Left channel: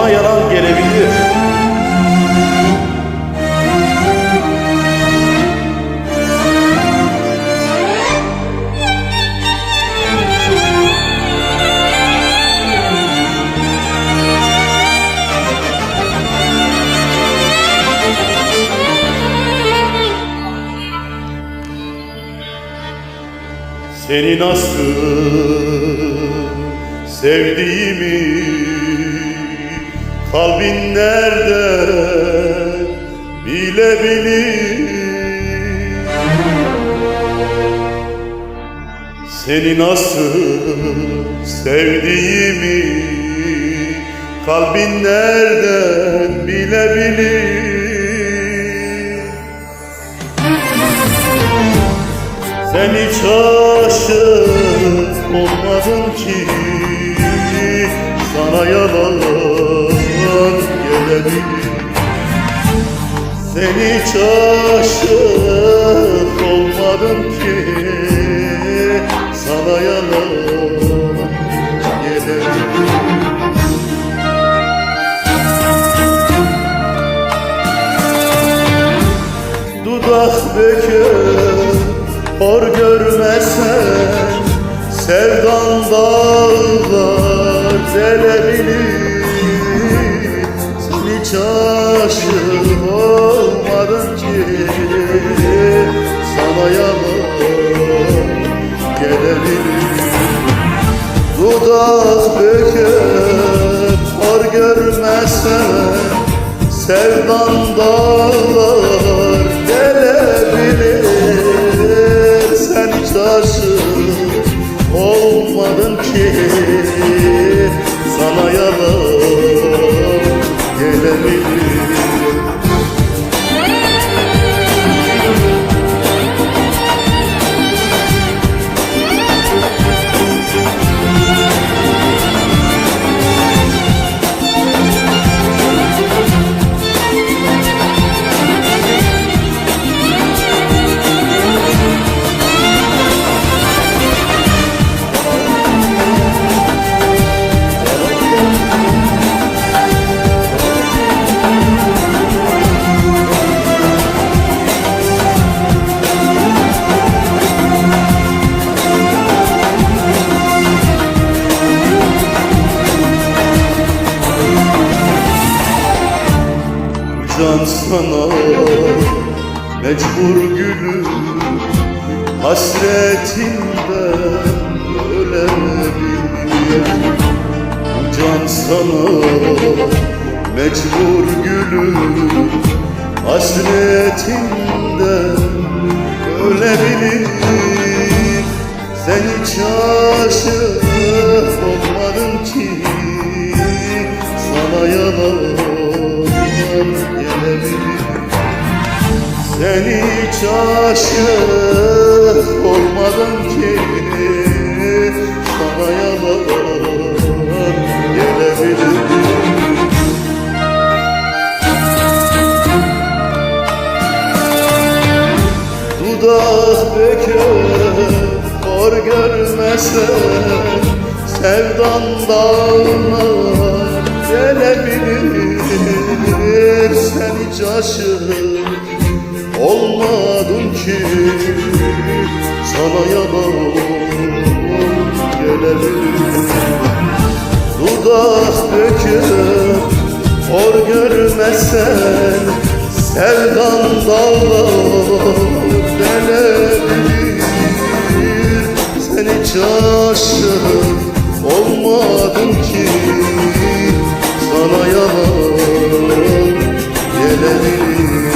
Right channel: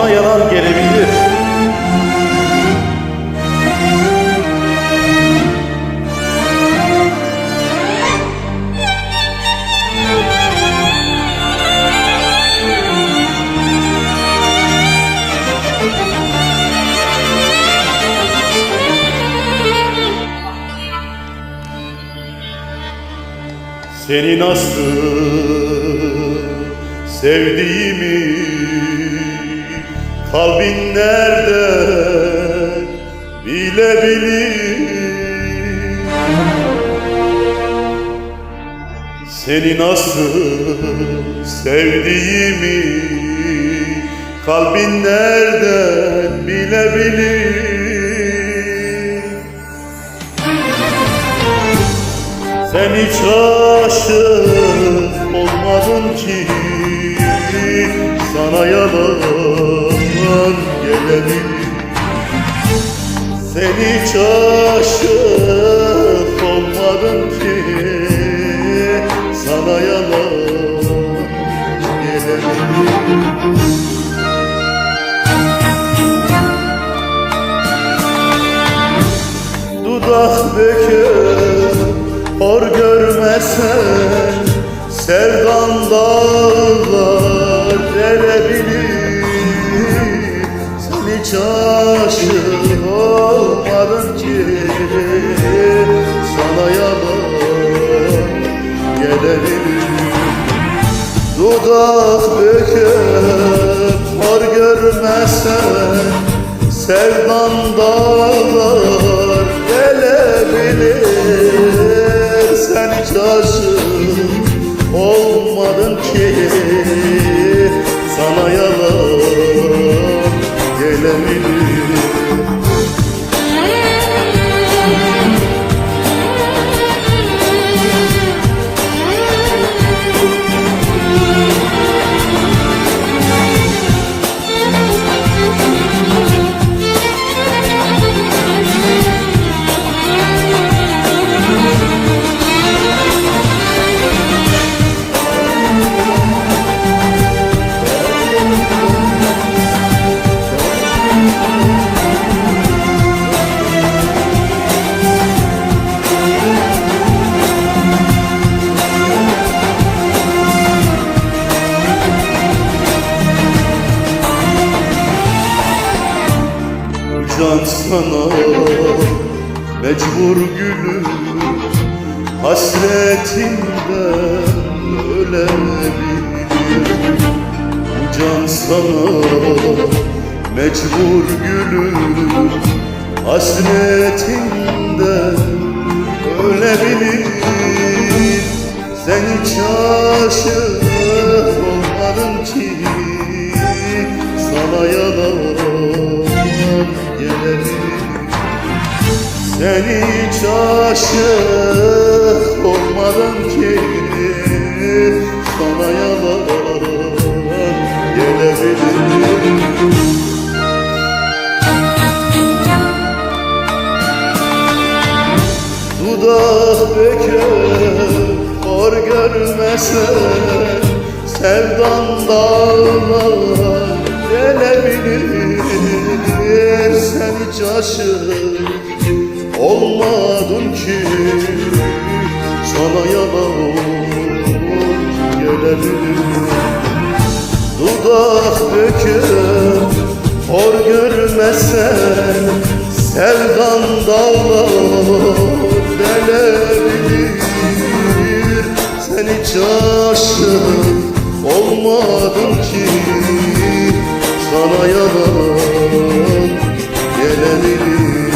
sana yalan gelebilir. Seni nasıl sevdiğimi kalbin nerede? Bilebilir Seni nasıl sevdiğimi kalbin nereden bilebilir Sen hiç aşık olmadın ki Sana yalan gelebilir. Sen hiç aşık olmadın ki Sana yalan gelebilir. Dudak büküp hor görmesen Sevdan dağlar delebilir Sen hiç aşık ki. Sana yalan gelebilir. Dudak büküp hor görmesen Sevdan dağlar delebilir Sen hiç aşık olmadın ki. Sana yalan gelebilir Can sana mecbur gülüm Hasretinden ölebilir Bu can sana mecbur gülüm Hasretinden ölebilir Sen hiç aşık olmadın ki Sana yalan gelebilir Sen hiç aşık olmadın ki Sana yalan gelebilir Dudak büküp hor görmesen Sevdan dağlar delebilir Sen hiç aşık olmadın ki. Sana yalan gelebilir. Dudak döküp hor görmesen Sevdan dağlar delebilir. Sen hiç aşık olmadın ki. Sana yalan gelebilir